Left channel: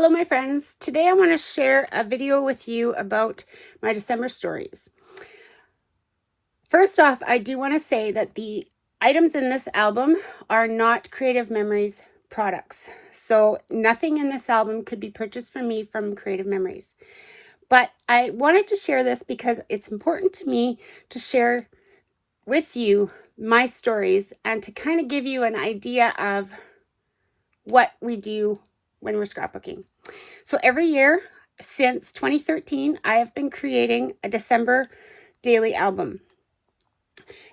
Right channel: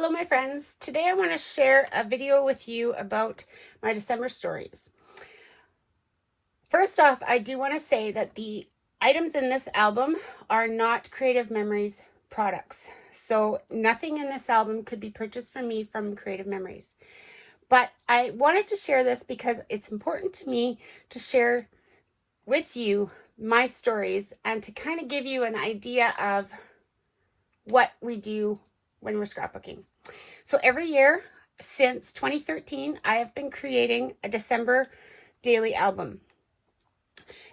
Hello my friends, today I want to share a video with you about my December stories. First off, I do want to say that the items in this album are not Creative Memories products. So nothing in this album could be purchased from me from Creative Memories. But I wanted to share this because it's important to me to share with you my stories and to kind of give you an idea of what we do when we're scrapbooking. So every year since 2013, I have been creating a December daily album.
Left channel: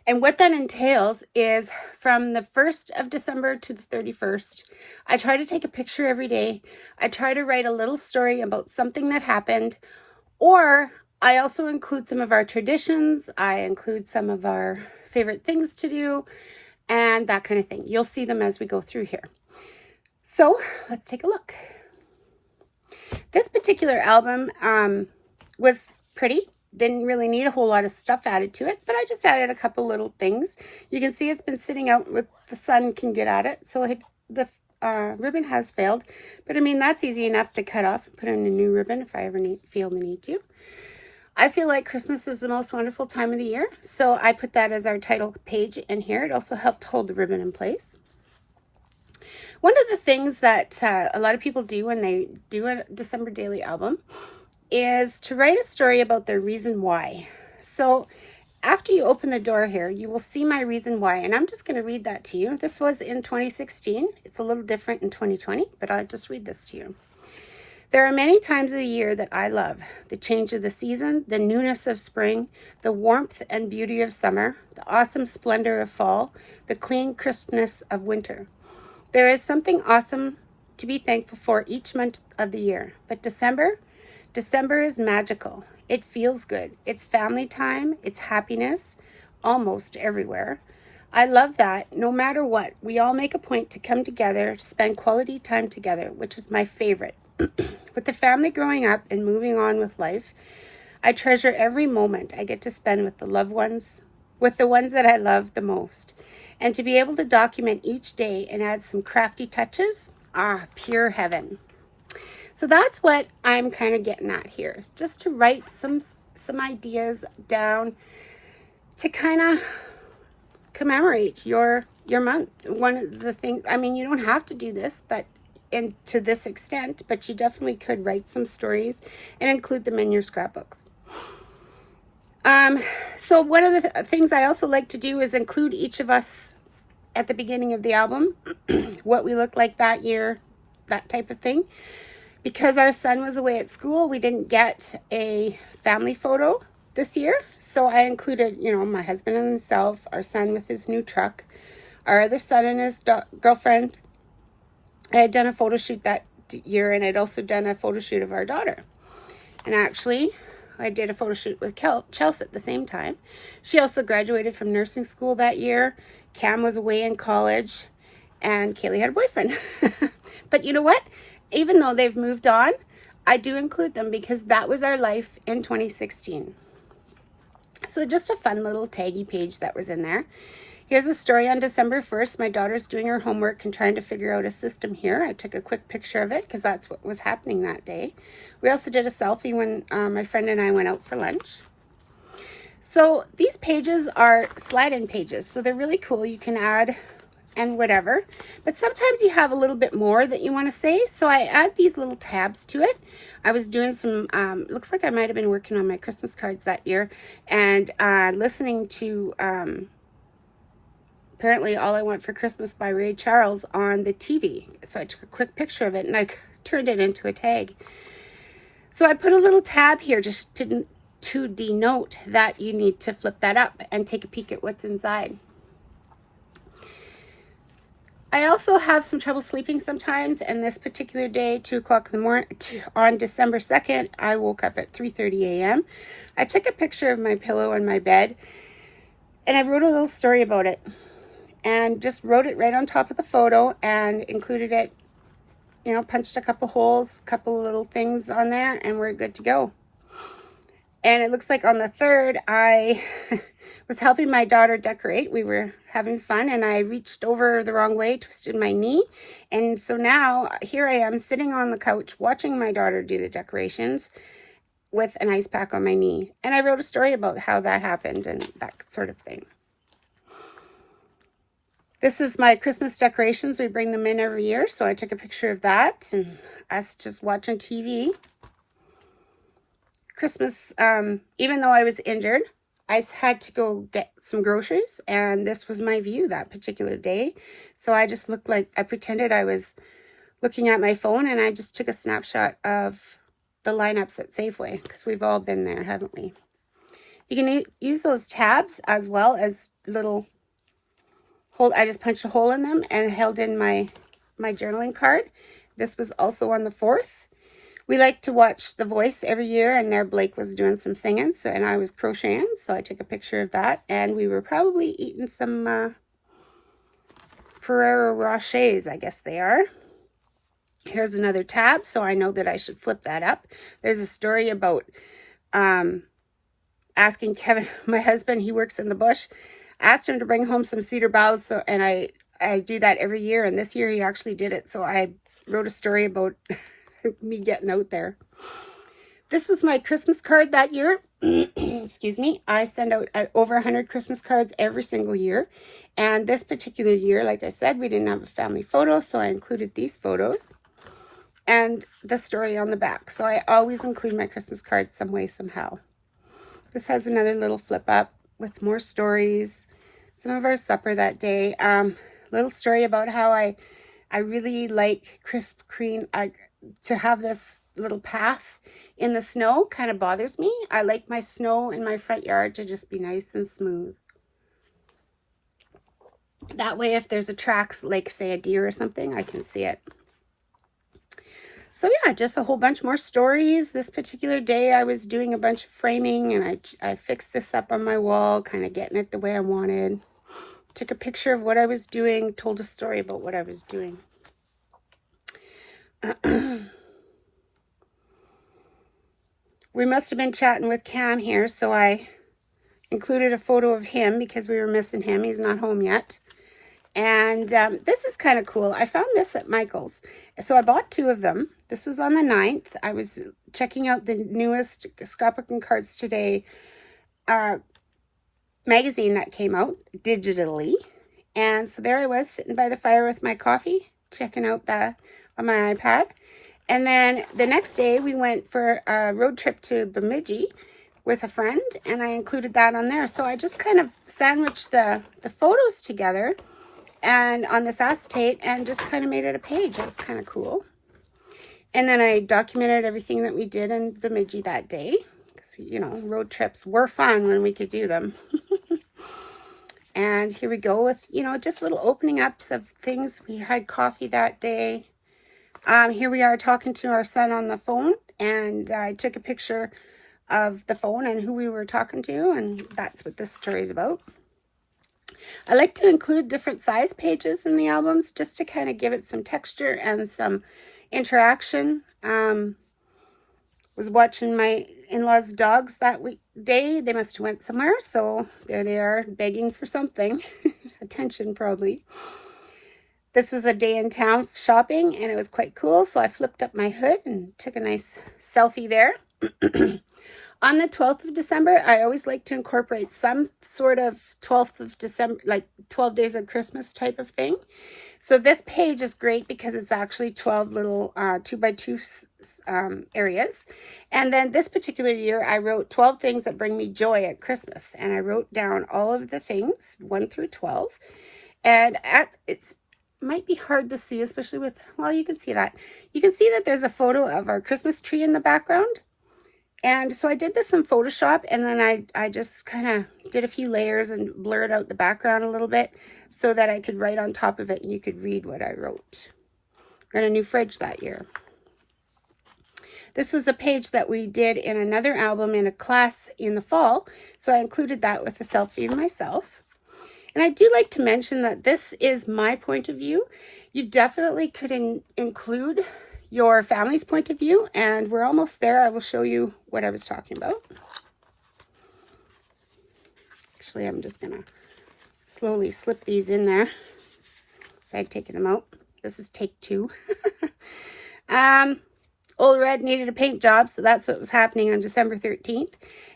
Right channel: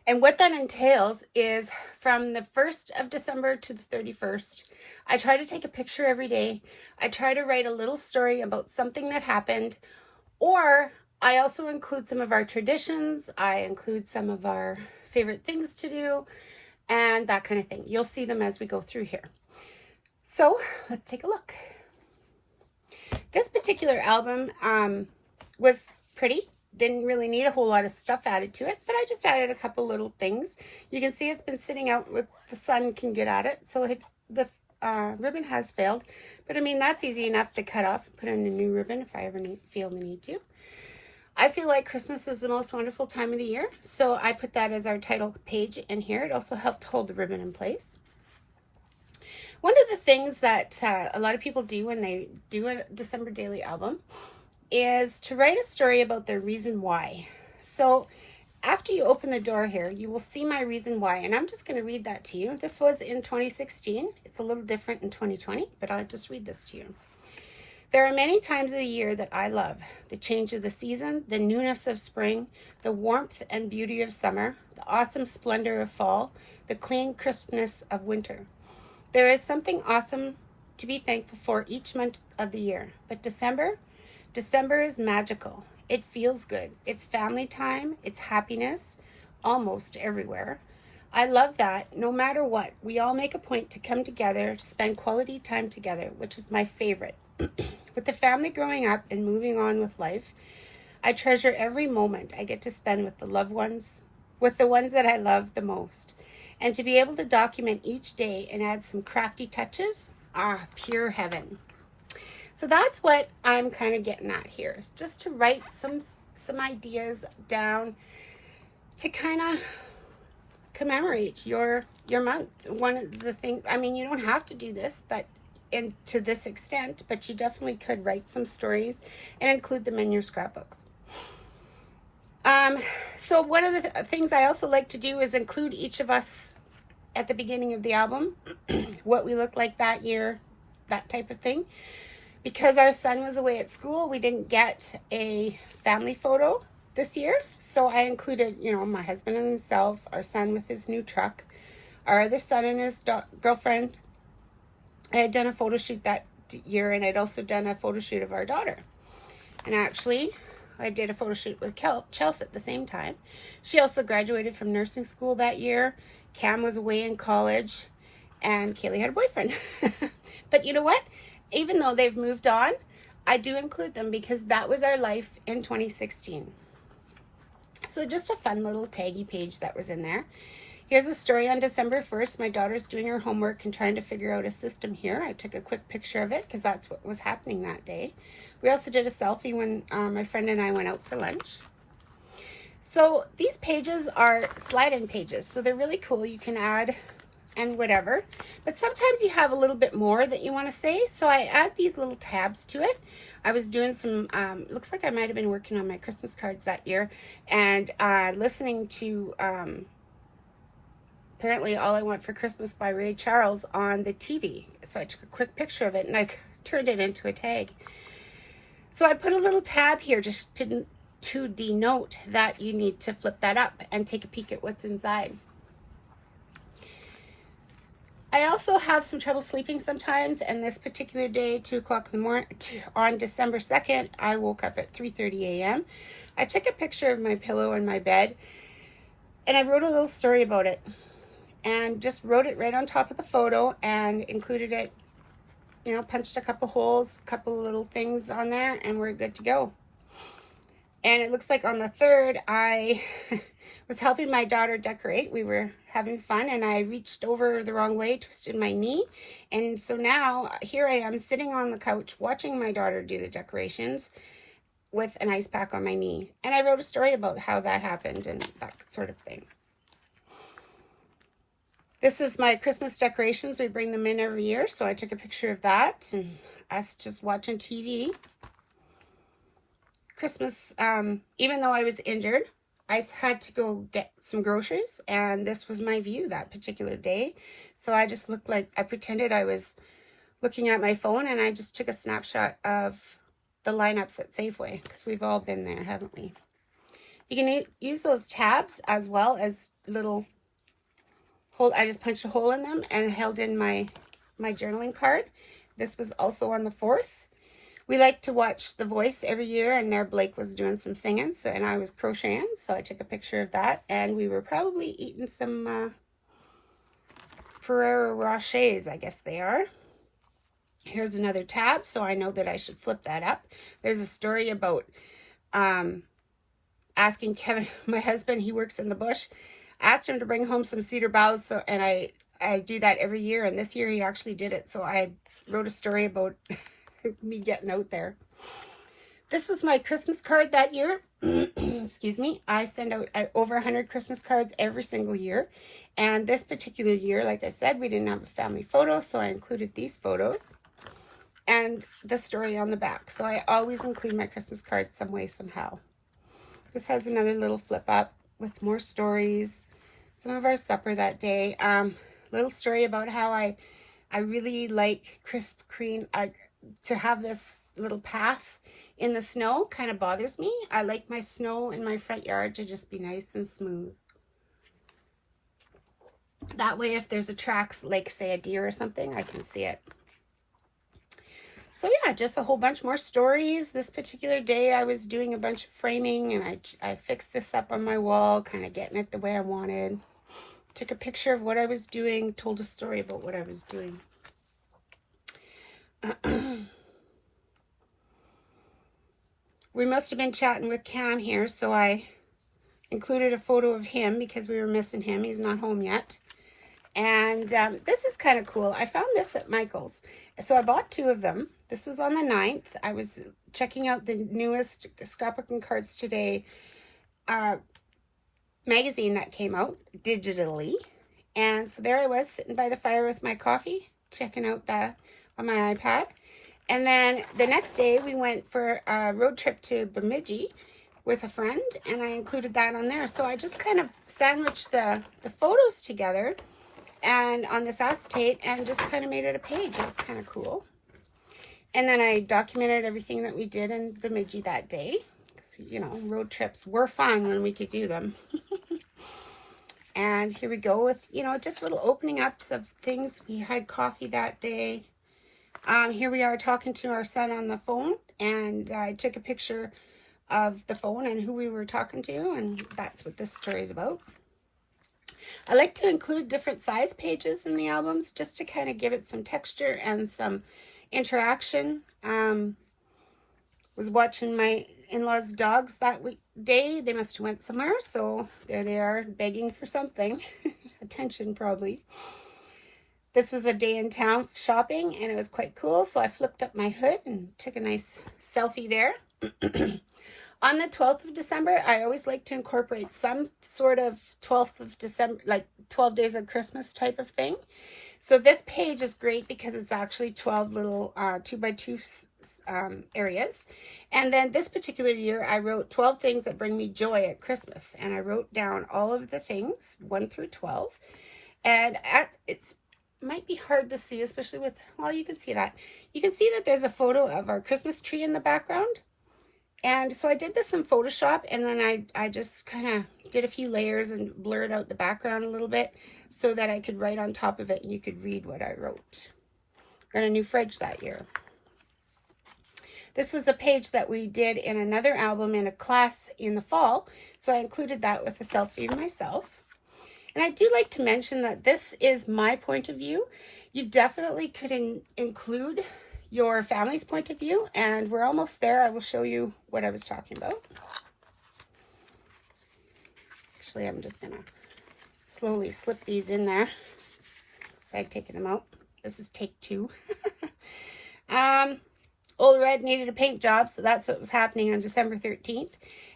And what that entails is from the 1st of December to the 31st, I try to take a picture every day. I try to write a little story about something that happened, or I also include some of our traditions. I include some of our favorite things to do and that kind of thing. You'll see them as we go through here. So let's take a look. This particular album was pretty. Didn't really need a whole lot of stuff added to it, but I just added a couple little things. You can see it's been sitting out with the sun can get at it, so the ribbon has failed. But I mean, that's easy enough to cut off and put in a new ribbon if I ever feel the need to. I feel like Christmas is the most wonderful time of the year, so I put that as our title page in here. It also helped hold the ribbon in place. One of the things that a lot of people do when they do a December daily album is to write a story about their reason why. So after you open the door here, you will see my reason why, and I'm just going to read that to you. This was in 2016. It's a little different in 2020, but I'll just read this to you. There are many times of the year that I love: the change of the season, the newness of spring, the warmth and beauty of summer, the awesome splendor of fall, the clean crispness of winter. There is something awesome to be thankful for each month of the year. But December is magical. It feels good. It's family time. It's happiness almost everywhere. I love that no matter what, we all make a point to come together, to spend quality time together, which is my favorite. With the family growing up and moving on with life, I treasure every moment I get to spend with the loved ones, with the ones that I love the most. And to be able to document each day and add some crafty touches, pure heaven. So that's what I'm kind of getting at here, just to write some ideas down to kind of commemorate your month. One of the things, I mean, you don't have to do this, but to this extent, but you definitely could write some stories and include them in your scrapbooks. So one of the things I also like to do is include each of us at the beginning of the album, what we look like that year, that type of thing. Because our son was away at school, we didn't get a family photo this year. So I included, my husband and himself, our son with his new truck, our other son and his girlfriend. I had done a photo shoot that year, and I'd also done a photo shoot of our daughter. And actually, I did a photo shoot with Chelsea at the same time. She also graduated from nursing school that year. Cam was away in college, and Kaylee had a boyfriend. But you know what? Even though they've moved on, I do include them because that was our life in 2016. So just a fun little taggy page that was in there. Here's a story on December 1st. My daughter's doing her homework and trying to figure out a system here. I took a quick picture of it because that's what was happening that day. We also did a selfie when my friend and I went out for lunch. So these pages are slide-in pages, so they're really cool. You can add and whatever, but sometimes you have a little bit more that you want to say, so I add these little tabs to it. I was doing some, looks like I might have been working on my Christmas cards that year, and listening to apparently All I Want for Christmas by Ray Charles on the TV. So I took a quick picture of it and I turned it into a tag. So I put a little tab here just to denote that you need to flip that up and take a peek at what's inside. I also have some trouble sleeping sometimes, and this particular day, 2 o'clock in the morning, on December 2nd, I woke up at 3:30 a.m. I took a picture of my pillow in my bed, and I wrote a little story about it, and just wrote it right on top of the photo and included it, punched a couple holes, couple little things on there, and we're good to go. And it looks like on the 3rd, I was helping my daughter decorate. We were having fun and I reached over the wrong way, twisted my knee. And so now here I am sitting on the couch watching my daughter do the decorations with an ice pack on my knee. And I wrote a story about how that happened and that sort of thing. This is my Christmas decorations. We bring them in every year. So I took a picture of that and us just watching TV. Christmas, even though I was injured, I had to go get some groceries, and this was my view that particular day. So I just looked like, I pretended I was looking at my phone, and I just took a snapshot of the lineups at Safeway, because we've all been there, haven't we? You can use those tabs as well as little hole. I just punched a hole in them and held in my journaling card. This was also on the 4th. We like to watch The Voice every year, and there Blake was doing some singing, so, and I was crocheting, so I took a picture of that, and we were probably eating some Ferrero Rochers, I guess they are. Here's another tab, so I know that I should flip that up. There's a story about asking Kevin, my husband, he works in the bush, asked him to bring home some cedar boughs, so, and I do that every year, and this year he actually did it, so I wrote a story about me getting out there. This was my Christmas card that year. Excuse me. I send out over 100 Christmas cards every single year. And this particular year, like I said, we didn't have a family photo, so I included these photos and the story on the back. So I always include my Christmas cards some way, somehow. This has another little flip up with more stories. Some of our supper that day. Little story about how I really like crisp cream. To have this little path in the snow kind of bothers me. I like my snow in my front yard to just be nice and smooth. That way, if there's a track, like say a deer or something, I can see it. So yeah, just a whole bunch more stories. This particular day, I was doing a bunch of framing, and I fixed this up on my wall, kind of getting it the way I wanted. Took a picture of what I was doing, told a story about what I was doing. We must have been chatting with Cam here, so I included a photo of him because we were missing him. He's not home yet. And this is kind of cool. I found this at Michael's. So I bought 2 of them. This was on the 9th. I was checking out the newest Scrapbooking Cards Today magazine that came out digitally. And so there I was sitting by the fire with my coffee, checking out that on my iPad. And then the next day we went for a road trip to Bemidji with a friend, and I included that on there. So I just kind of sandwiched the photos together and on this acetate and just kind of made it a page. That's kind of cool. And then I documented everything that we did in Bemidji that day, because, you know, road trips were fun when we could do them. And here we go with, you know, just little opening ups of things. We had coffee that day. Here we are talking to our son on the phone, and I took a picture of the phone and who we were talking to, and that's what this story is about. I like to include different size pages in the albums just to kind of give it some texture and some interaction. Was watching my in-laws' dogs that day. They must have went somewhere, so there they are begging for something. Attention, probably. This was a day in town shopping, and it was quite cool, so I flipped up my hood and took a nice selfie there. On the 12th of December, I always like to incorporate some sort of 12th of December, like 12 days of Christmas type of thing. So this page is great because it's actually 12 little 2x2 areas. And then this particular year, I wrote 12 things that bring me joy at Christmas. And I wrote down all of the things, 1 through 12. And it might be hard to see, especially with, well, you can see that. You can see that there's a photo of our Christmas tree in the background. And so I did this in Photoshop, and then I just kind of did a few layers and blurred out the background a little bit so that I could write on top of it and you could read what I wrote. Got a new fridge that year. This was a page that we did in another album in a class in the fall, so I included that with a selfie of myself. And I do like to mention that this is my point of view. You definitely could include your family's point of view, and we're almost there. I will show you what I was talking about. Actually, I'm just going to slowly slip these in there. So I've taken them out. This is take 2. Old Red needed a paint job, so that's what was happening on December 13th.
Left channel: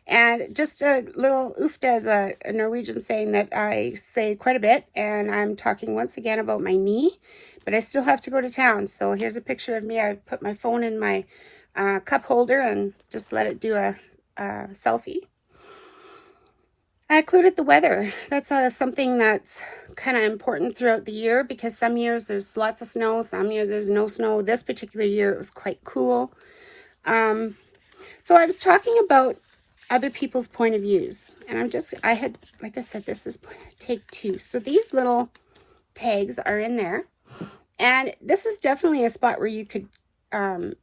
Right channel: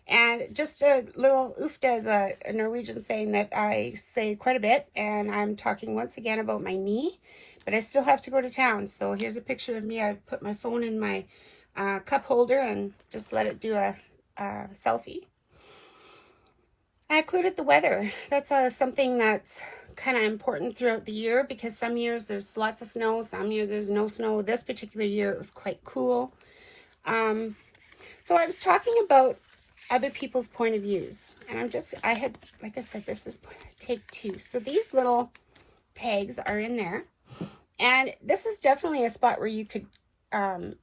And just a little oofta as a Norwegian saying that I say quite a bit, and I'm talking once again about my knee, but I still have to go to town. So here's a picture of me. I put my phone in my cup holder and just let it do a selfie. I included the weather. That's something that's kind of important throughout the year, because some years there's lots of snow, some years there's no snow. This particular year it was quite cool. So I was talking about other people's point of views, and I had, like I said, this is take 2. So these little tags are in there, and this is definitely a spot where you could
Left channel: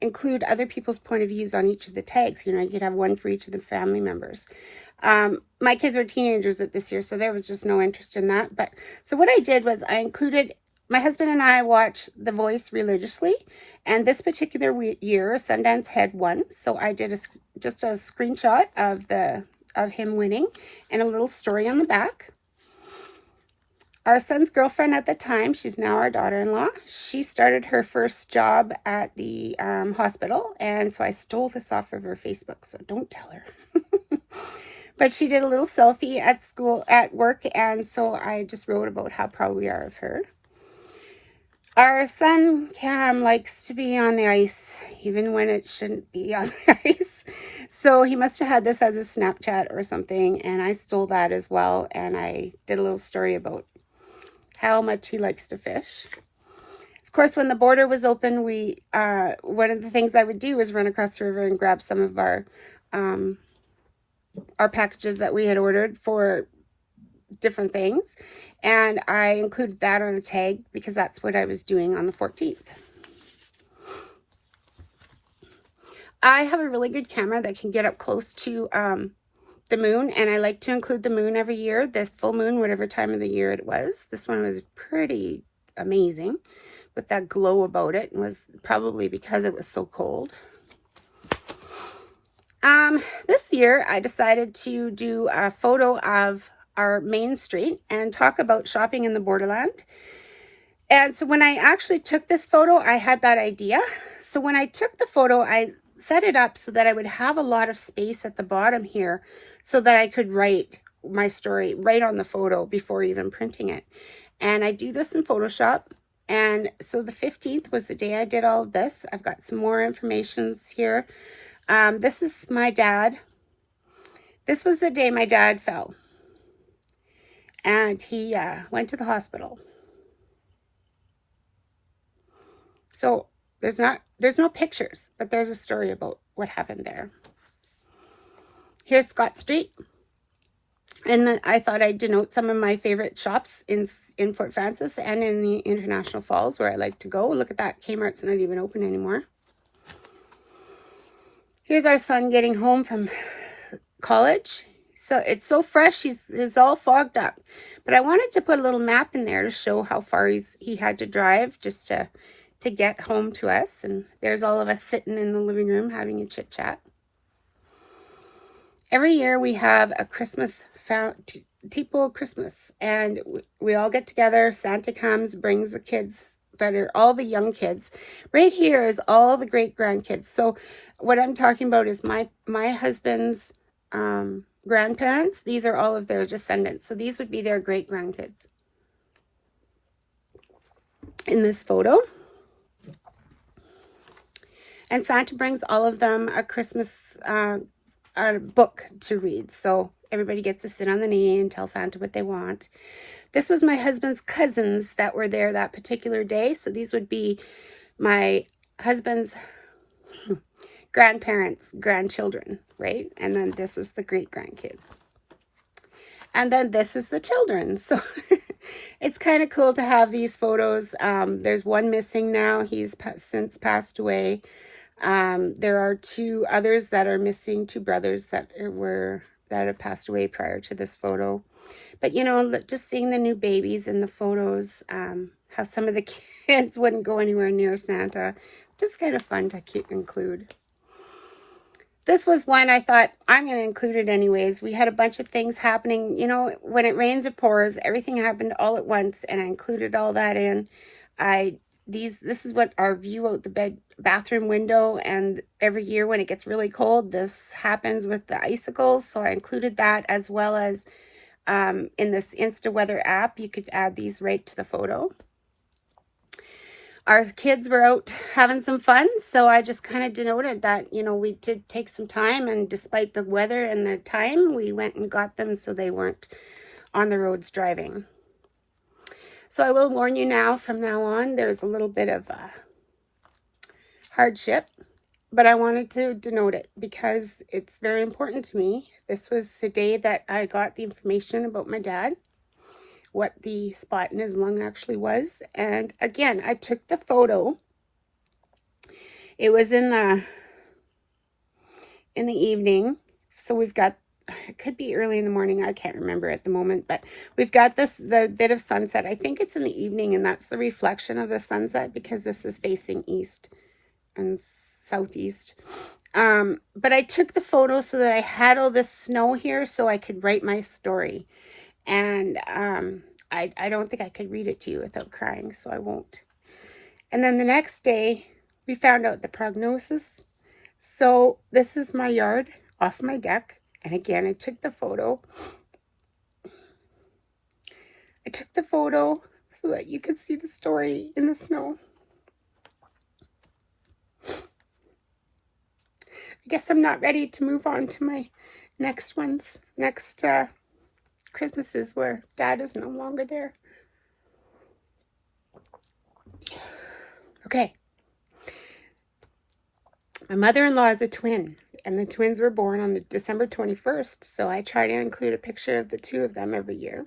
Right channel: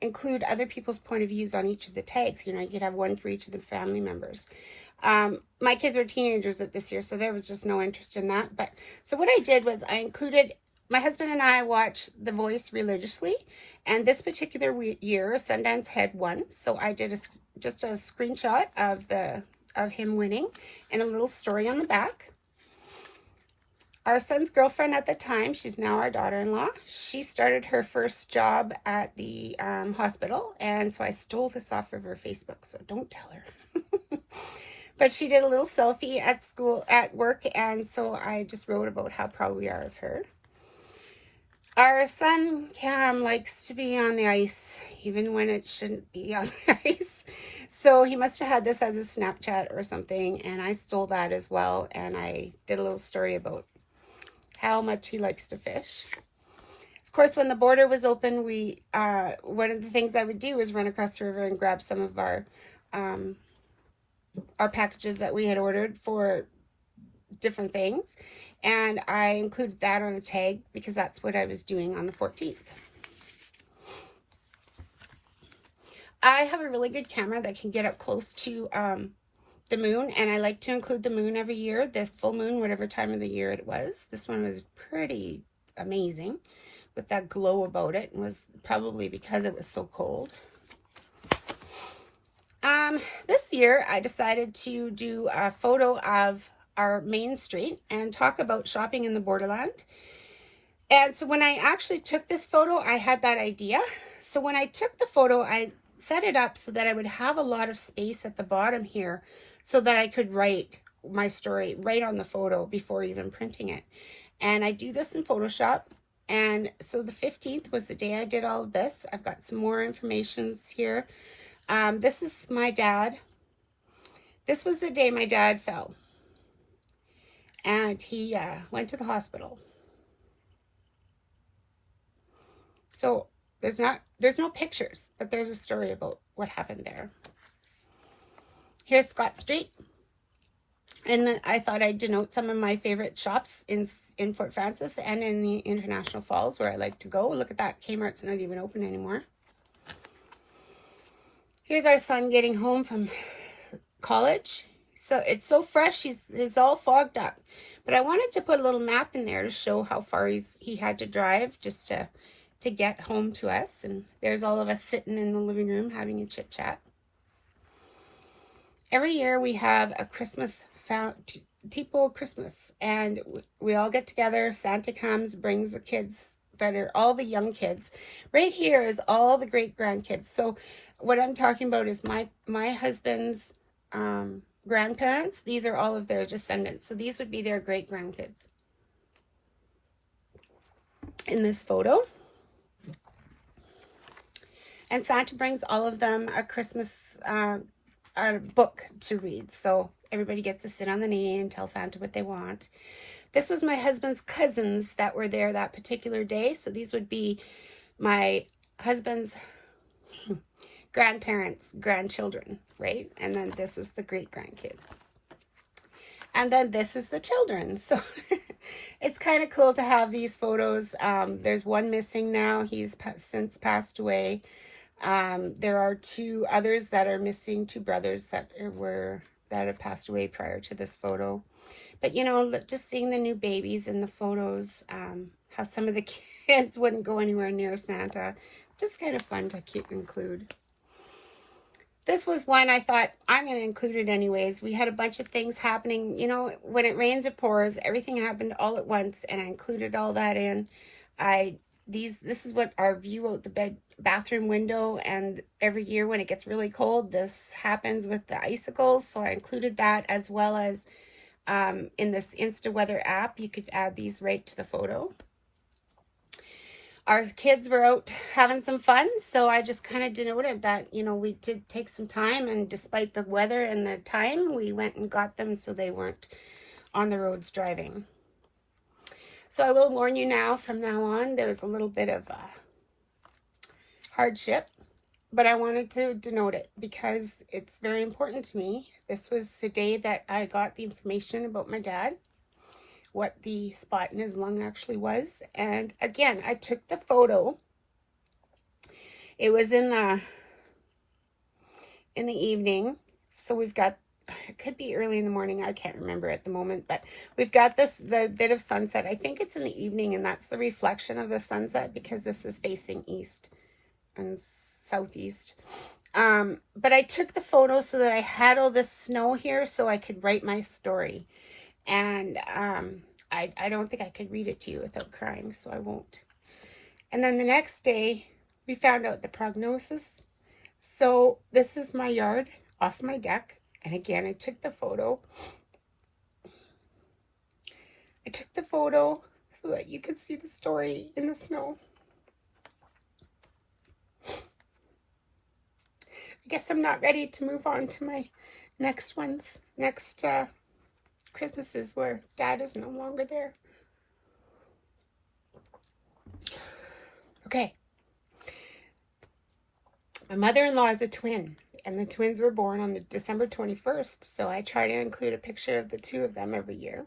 include other people's point of views on each of the tags. You know, you could have one for each of the family members. My kids are teenagers at this year, so there was just no interest in that. But so what I did was I included, my husband and I watch The Voice religiously, and this particular year Sundance had won, so I did just a screenshot of him winning and a little story on the back. Our son's girlfriend at the time, she's now our daughter-in-law, she started her first job at the hospital, and so I stole this off of her Facebook, so don't tell her. But she did a little selfie at school, at work, and so I just wrote about how proud we are of her. Our son, Cam, likes to be on the ice, even when it shouldn't be on the ice. So he must have had this as a Snapchat or something, and I stole that as well, and I did a little story about how much he likes to fish. Of course, when the border was open, one of the things I would do was run across the river and grab some of our packages that we had ordered for different things, and I included that on a tag because that's what I was doing on the 14th. I have a really good camera that can get up close to the moon, and I like to include the moon every year, this full moon, whatever time of the year it was. This one was pretty amazing with that glow about it, and was probably because it was so cold. This year I decided to do a photo of our main street and talk about shopping in the borderland. And so when I actually took this photo, I had that idea. So when I took the photo, I set it up so that I would have a lot of space at the bottom here so that I could write my story right on the photo before even printing it. And I do this in Photoshop. And so the 15th was the day I did all of this. I've got some more information here. This is my dad. This was the day my dad fell, and he went to the hospital. So there's no pictures, but there's a story about what happened there. Here's Scott Street, and then I thought I'd denote some of my favorite shops in Fort Frances and in the International Falls, where I like to go. Look at that, Kmart's not even open anymore. Here's our son getting home from college. So it's so fresh, he's all fogged up. But I wanted to put a little map in there to show how far he had to drive just to get home to us. And there's all of us sitting in the living room having a chit chat. Every year we have a Tipo Christmas, and we all get together. Santa comes, brings the kids that are all the young kids. Right here is all the great grandkids. So what I'm talking about is my husband's grandparents. These are all of their descendants. So these would be their great grandkids in this photo. And Santa brings all of them a Christmas book to read. So everybody gets to sit on the knee and tell Santa what they want. This was my husband's cousins that were there that particular day. So these would be my husband's grandparents' grandchildren, right? And then this is the great grandkids. And then this is the children. So it's kind of cool to have these photos. There's one missing now. He's since passed away. There are 2 others that are missing, 2 brothers that have passed away prior to this photo. But you know, just seeing the new babies in the photos, how some of the kids wouldn't go anywhere near Santa, just kind of fun to include. this was one I thought I'm going to include it anyways. We had a bunch of things happening. You know, when it rains, it pours. Everything happened all at once, and I included all that in. This is what our view out the bathroom window, and every year when it gets really cold, this happens with the icicles. So I included that, as well as in this Insta Weather app, you could add these right to the photo. Our kids were out having some fun, so I just kind of denoted that, you know, we did take some time, and despite the weather and the time, we went and got them so they weren't on the roads driving. So I will warn you now, from now on, there's a little bit of hardship, but I wanted to denote it because it's very important to me. This was the day that I got the information about my dad, what the spot in his lung actually was. And again, I took the photo. It was in the evening, so we've got, it could be early in the morning, I can't remember at the moment, but we've got the bit of sunset. I think it's in the evening, and that's the reflection of the sunset because this is facing east and southeast. But I took the photo so that I had all this snow here so I could write my story. And I don't think I could read it to you without crying, so I won't. And then the next day, we found out the prognosis. So this is my yard off my deck. And again, I took the photo. I took the photo so that you could see the story in the snow. I guess I'm not ready to move on to my next Christmases where Dad is no longer there. Okay. My mother-in-law is a twin, and the twins were born on December 21st, so I try to include a picture of the two of them every year.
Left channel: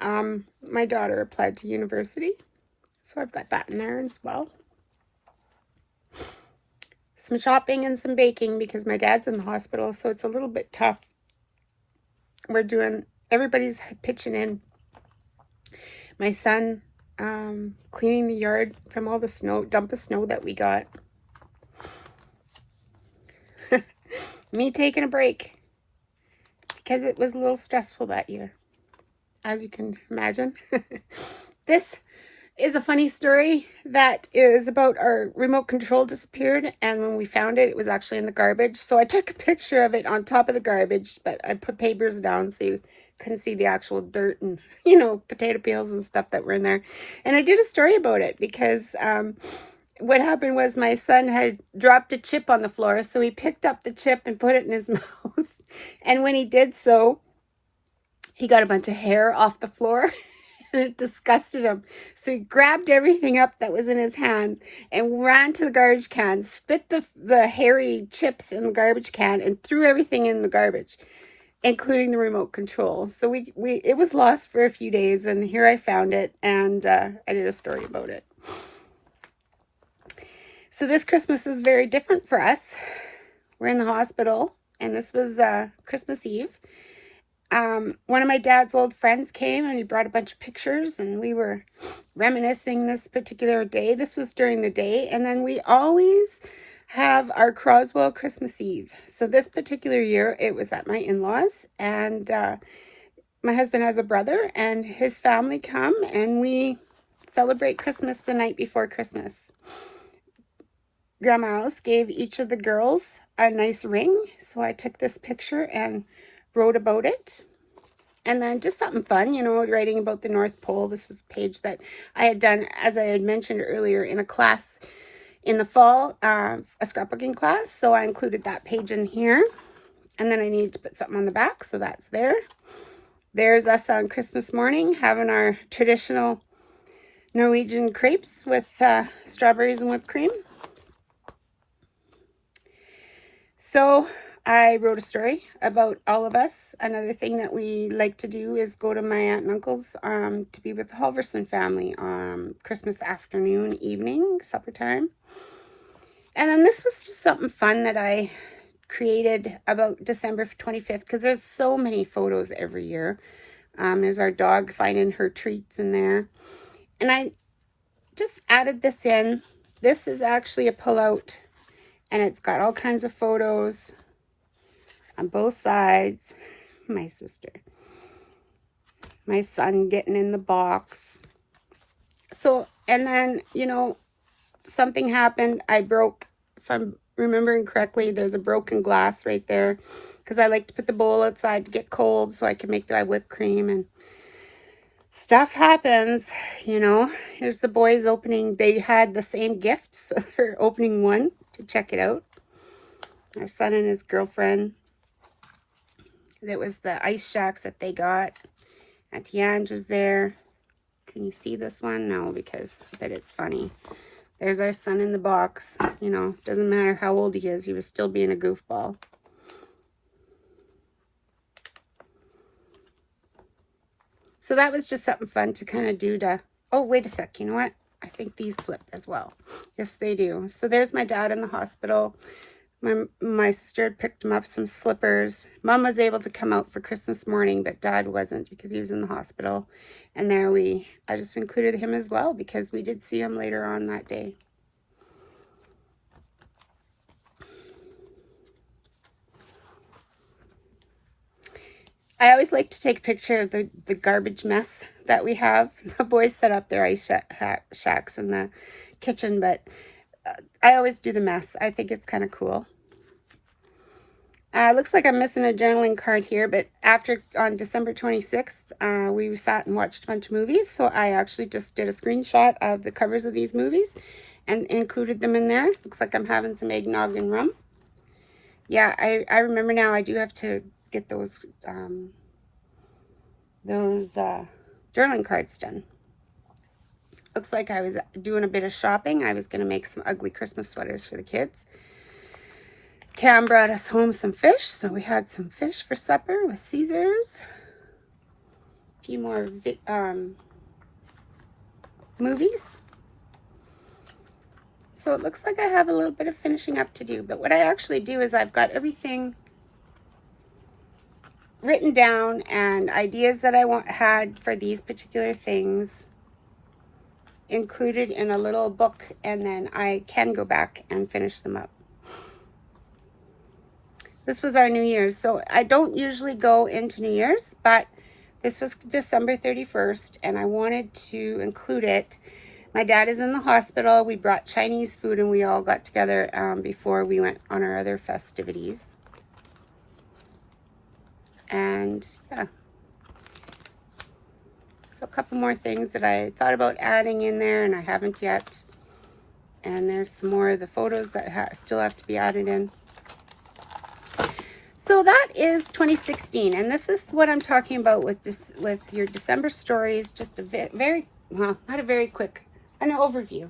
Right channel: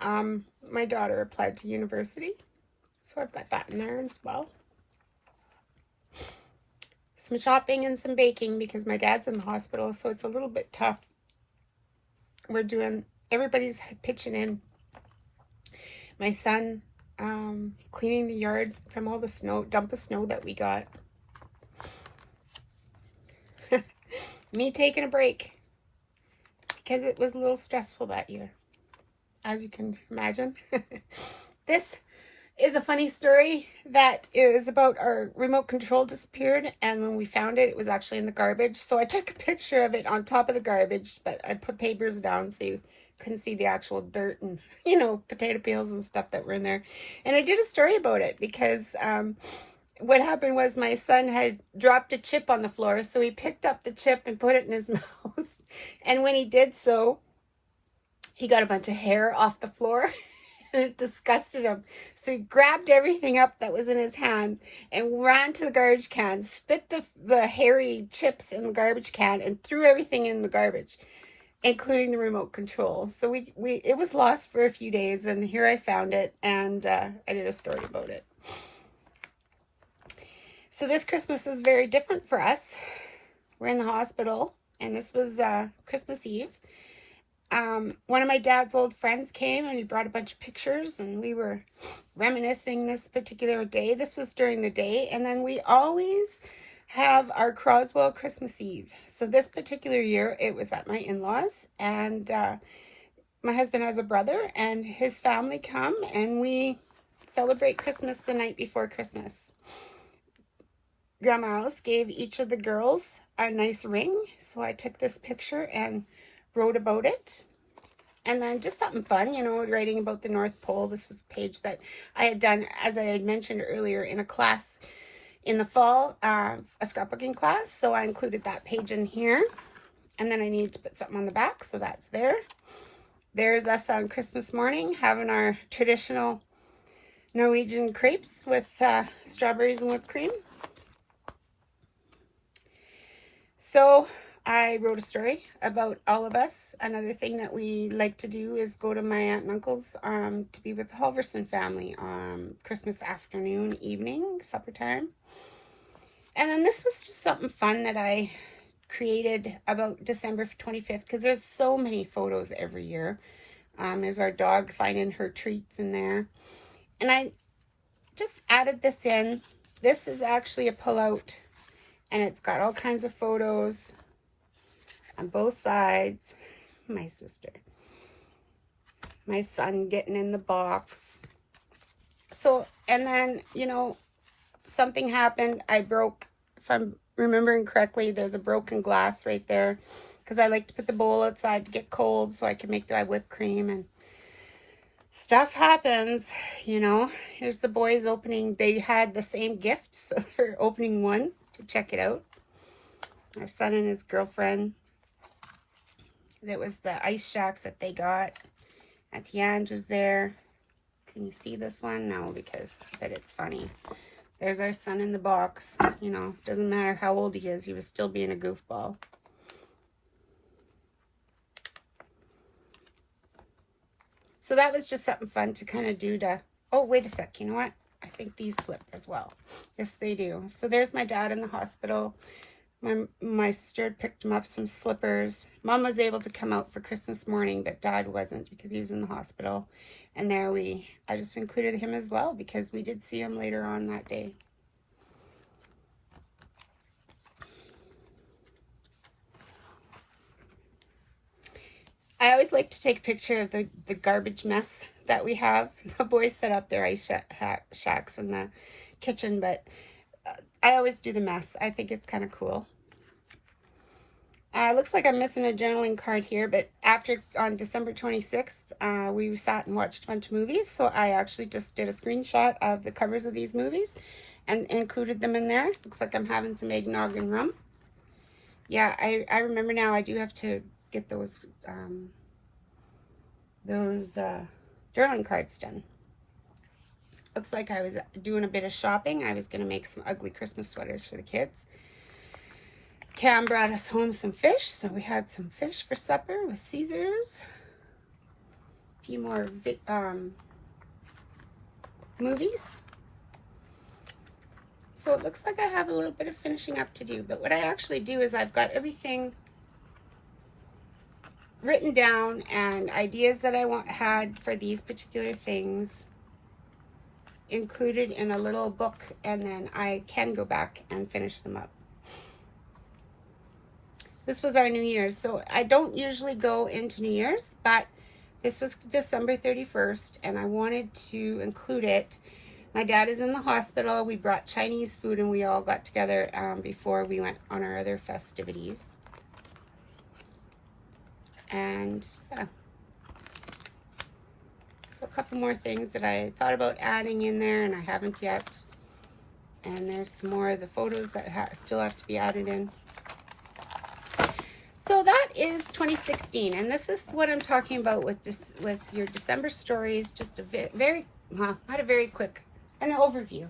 My daughter applied to university, so I've got that in there as well. Some shopping and some baking because my dad's in the hospital, so it's a little bit tough. Everybody's pitching in. My son cleaning the yard from all the dump of snow that we got. Me taking a break because it was a little stressful that year, as you can imagine. This is a funny story that is about our remote control disappeared, and when we found it, it was actually in the garbage. So I took a picture of it on top of the garbage, but I put papers down so you couldn't see the actual dirt and, you know, potato peels and stuff that were in there. And I did a story about it because what happened was my son had dropped a chip on the floor, so he picked up the chip and put it in his mouth. And when he did so, he got a bunch of hair off the floor, and it disgusted him. So he grabbed everything up that was in his hand and ran to the garbage can, spit the hairy chips in the garbage can, and threw everything in the garbage, including the remote control. So it was lost for a few days, and here I found it, and I did a story about it. So this Christmas is very different for us. We're in the hospital, and this was Christmas Eve. One of my dad's old friends came, and he brought a bunch of pictures, and we were reminiscing this particular day. This was during the day, and then we always have our Croswell Christmas Eve. So this particular year, it was at my in-laws, and my husband has a brother, and his family come, and we celebrate Christmas the night before Christmas. Grandma Alice gave each of the girls a nice ring, so I took this picture and wrote about it. And then just something fun, you know, writing about the North Pole. This was a page that I had done, as I had mentioned earlier, in a class in the fall, a scrapbooking class. So I included that page in here. And then I needed to put something on the back, so that's there. There's us on Christmas morning having our traditional Norwegian crepes with strawberries and whipped cream. So I wrote a story about all of us. Another thing that we like to do is go to my aunt and uncle's to be with the Halverson family on Christmas afternoon, evening, supper time. And then this was just something fun that I created about December 25th, because there's so many photos every year. There's our dog finding her treats in there. And I just added this in. This is actually a pullout, and it's got all kinds of photos on both sides. My sister. My son getting in the box. So, and then, you know, something happened. I broke, if I'm remembering correctly, there's a broken glass right there. Because I like to put the bowl outside to get cold so I can make dry whipped cream. And stuff happens, you know. Here's the boys opening. They had the same gift, so they're opening one to check it out. Our son and his girlfriend. That was the ice shacks that they got. Auntie Ange is there. Can you see this one? No, because I bet it's funny. There's our son in the box. You know, doesn't matter how old he is. He was still being a goofball. So that was just something fun to kind of do to... Oh, wait a sec. You know what? I think these flipped as well. Yes, they do. So there's my dad in the hospital. My sister picked him up some slippers. Mom was able to come out for Christmas morning, but Dad wasn't because he was in the hospital. And there I just included him as well because we did see him later on that day. I always like to take a picture of the garbage mess that we have. The boys set up their ice shacks in the kitchen, but I always do the mess. I think it's kind of cool. Looks like I'm missing a journaling card here, but on December 26th, we sat and watched a bunch of movies, so I actually just did a screenshot of the covers of these movies and included them in there. Looks like I'm having some eggnog and rum. Yeah, I remember now. I do have to get those journaling cards done. Looks like I was doing a bit of shopping. I was going to make some ugly Christmas sweaters for the kids. Cam brought us home some fish, so we had some fish for supper with Caesars. A few more movies. So it looks like I have a little bit of finishing up to do, but what I actually do is I've got everything written down and ideas that I had for these particular things included in a little book, and then I can go back and finish them up. This was our New Year's, so I don't usually go into New Year's, but this was December 31st, and I wanted to include it. My dad is in the hospital. We brought Chinese food, and we all got together before we went on our other festivities. And, yeah. So a couple more things that I thought about adding in there, and I haven't yet. And there's some more of the photos that still have to be added in. So that is 2016, and this is what I'm talking about with your December stories. Just a very, well, not a very quick, an overview.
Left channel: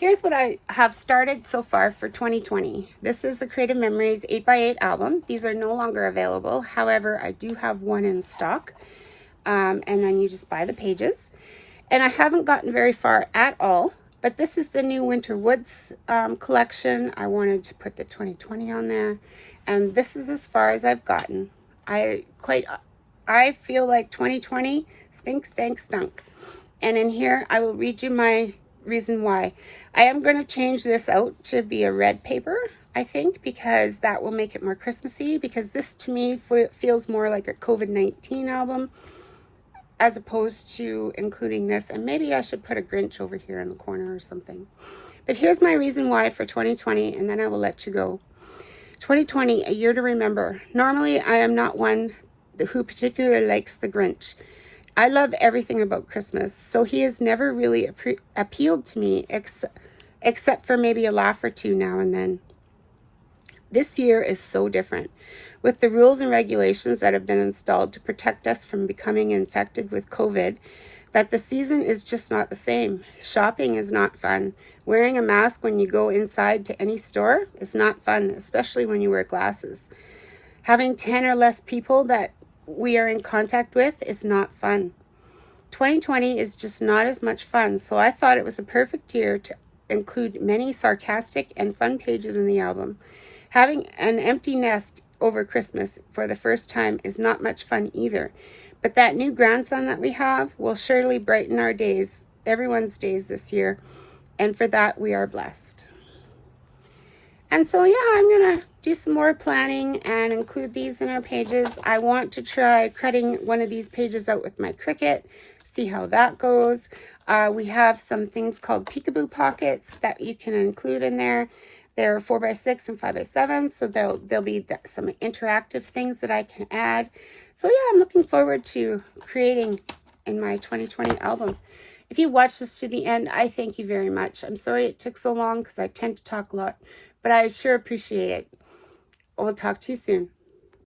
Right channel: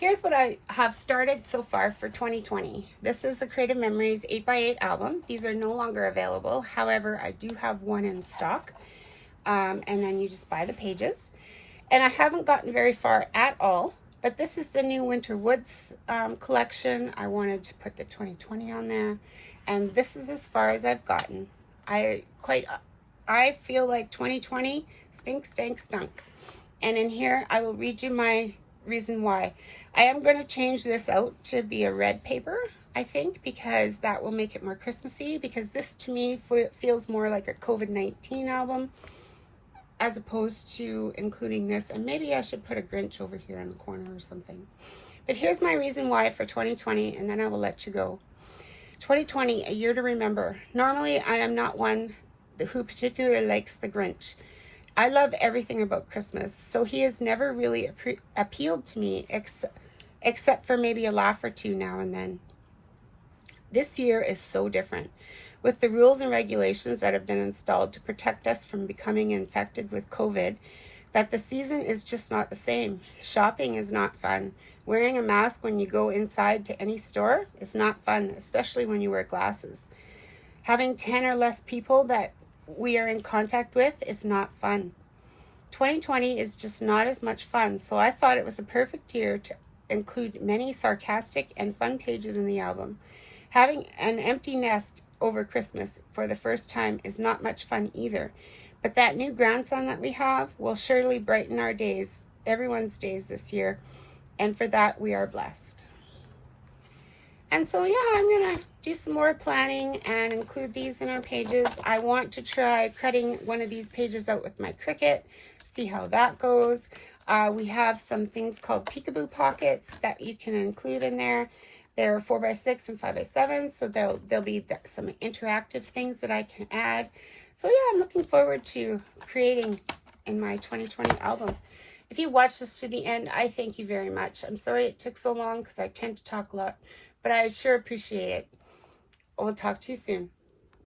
Here's what I have started so far for 2020. This is a Creative Memories 8x8 album. These are no longer available. However, I do have one in stock, and then you just buy the pages. And I haven't gotten very far at all, but this is the new Winter Woods collection. I wanted to put the 2020 on there. And this is as far as I've gotten. I feel like 2020 stank, stunk. And in here, I will read you my reason why. I am going to change this out to be a red paper, I think, because that will make it more Christmassy. Because this, to me, feels more like a COVID-19 album, as opposed to including this. And maybe I should put a Grinch over here in the corner or something. But here's my reason why for 2020, and then I will let you go. 2020, a year to remember. Normally, I am not one who particularly likes the Grinch. I love everything about Christmas, so he has never really appealed to me, except for maybe a laugh or two now and then. This year is so different. With the rules and regulations that have been installed to protect us from becoming infected with COVID, that the season is just not the same. Shopping is not fun. Wearing a mask when you go inside to any store is not fun, especially when you wear glasses. Having 10 or less people that we are in contact with is not fun. 2020 is just not as much fun, so I thought it was a perfect year to include many sarcastic and fun pages in the album. Having an empty nest over Christmas for the first time is not much fun either, but that new grandson that we have will surely brighten our days, everyone's days this year. And for that, we are blessed. And so, yeah, I'm going to do some more planning and include these in our pages. I want to try cutting one of these pages out with my Cricut, see how that goes. We have some things called peekaboo pockets that you can include in there. They're 4x6 and 5x7, so there'll be some interactive things that I can add. So yeah, I'm looking forward to creating in my 2020 album. If you watched this to the end, I thank you very much. I'm sorry it took so long because I tend to talk a lot, but I sure appreciate it. We'll talk to you soon.